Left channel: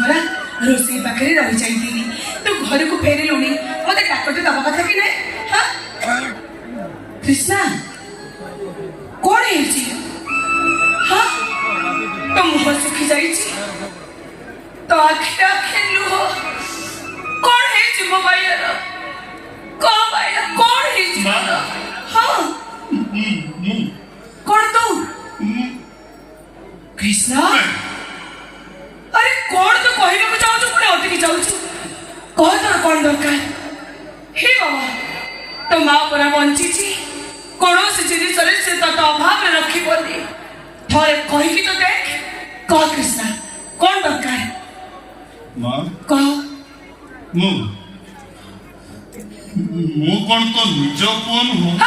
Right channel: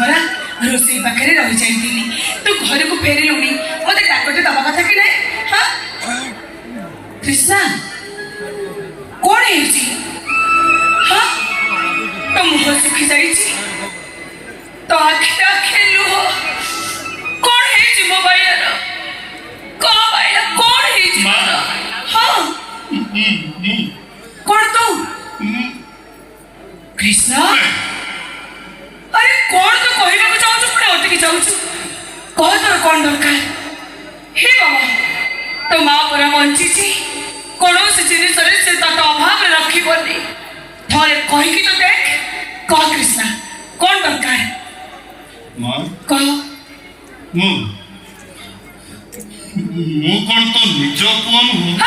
परा रोसई पाखे रही जाइली तू घर को फेरिलुनी मत डाकटे दबा कथा कि नहीं हाँ कृष्णा कौन है हाँ तो मुह सुखी जाइए तो आखे आखे लुह कौन है मो भाईर कह भाई कौन है हाँ कौन तू कृष्णा अरे कौन तू कहना चाहू पुणे अटकी जाऊ कह तोर कौन दरकार हे बाबा तो माँ पूरा बंची कौन जिन से तोते अभाव रखी थोड़े कहीकि तो देख कह कृष्णा कौन दरकार माँ कह मु कौन तो निज पुआ नुह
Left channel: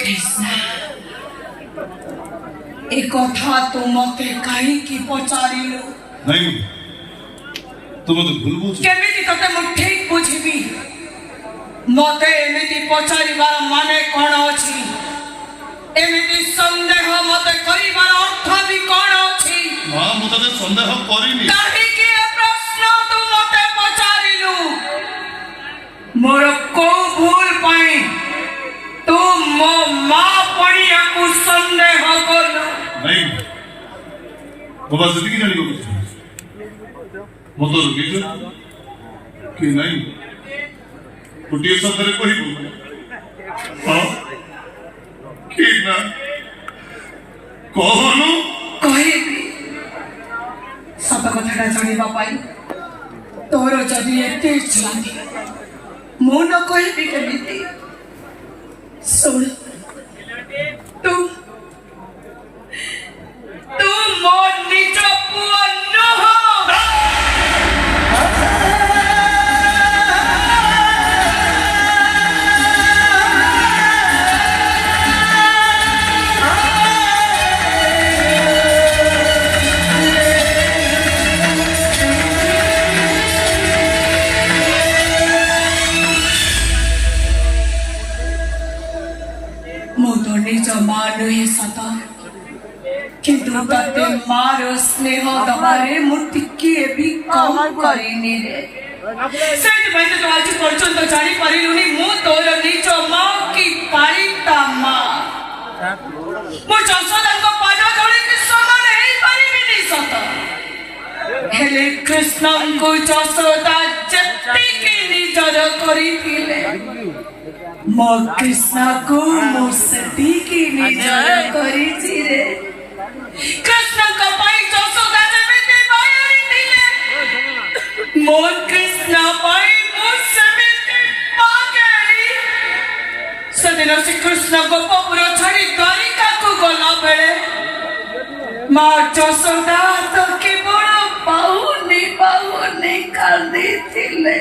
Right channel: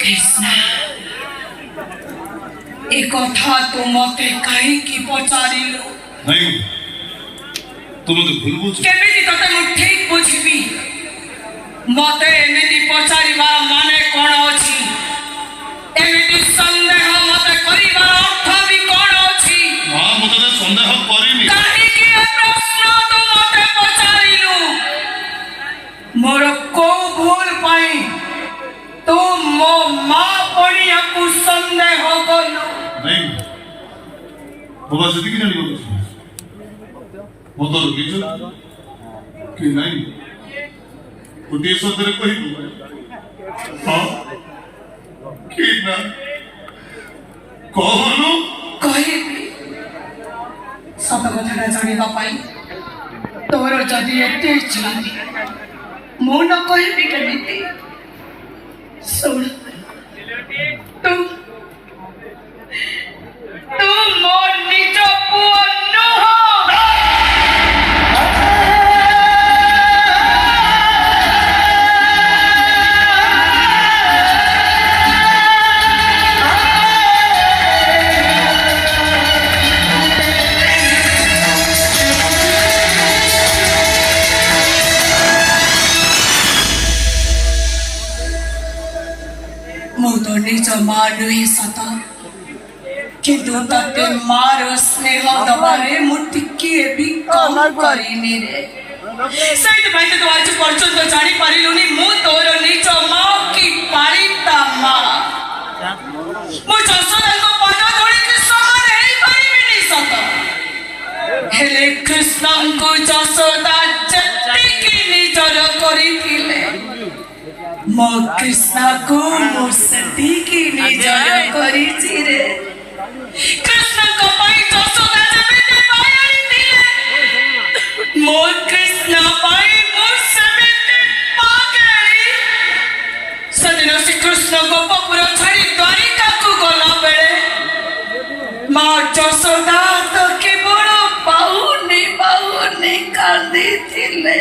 कृष्णा एक कथा तो मते कहीं पचारिलु नहीं तुम तो भूल बुझ केमिति तते मु ठीक बुझिबी मते एमिति पचारिबा माने कोन अछि एमिति संदेह मते करिबार अर्थ भी कोन अछि मां मते तो संदेह करिनी काहे कि ए प्रश्न तो मते पचारिलु मोर को भूल पाई तू मो मां पड़िया को संदेह करलु नहीं बाबा से कि नहीं कुछ मत रुकिज कि नहीं गोटे शब्द कह हाँ कि ना कहनु कहबी सत कथा जाना तोर जदि एत इच्छा मु न कहबी केमिति सुन तू तू मो निज पुआ नुह मु तो निज मां नुहे सत किंतु तते मार स्नेह दबारे मु टिके भी कम करिनी रे सेट भाई तो आज पर्यंत जानी परिलुनी मु तोर निज मां की पालिता मां मु जसोदा को पाद धोड़ी के समान हेई परिबिनी सत हेले कृष्ण को जसोदा जत्ती की निजर करिथिले मो कृष्ण को मो सती की निजर करिछि रे कृष्ण का पाई जसोदा जमिते पायरी दिले मो कृष्ण पाई मो समिते पागेरी सदिन श्री कृष्ण गोपपुर छाड़ी द्वारिका को गला बेले मां जसोदा तो केवल पाहुनी कांदी थिले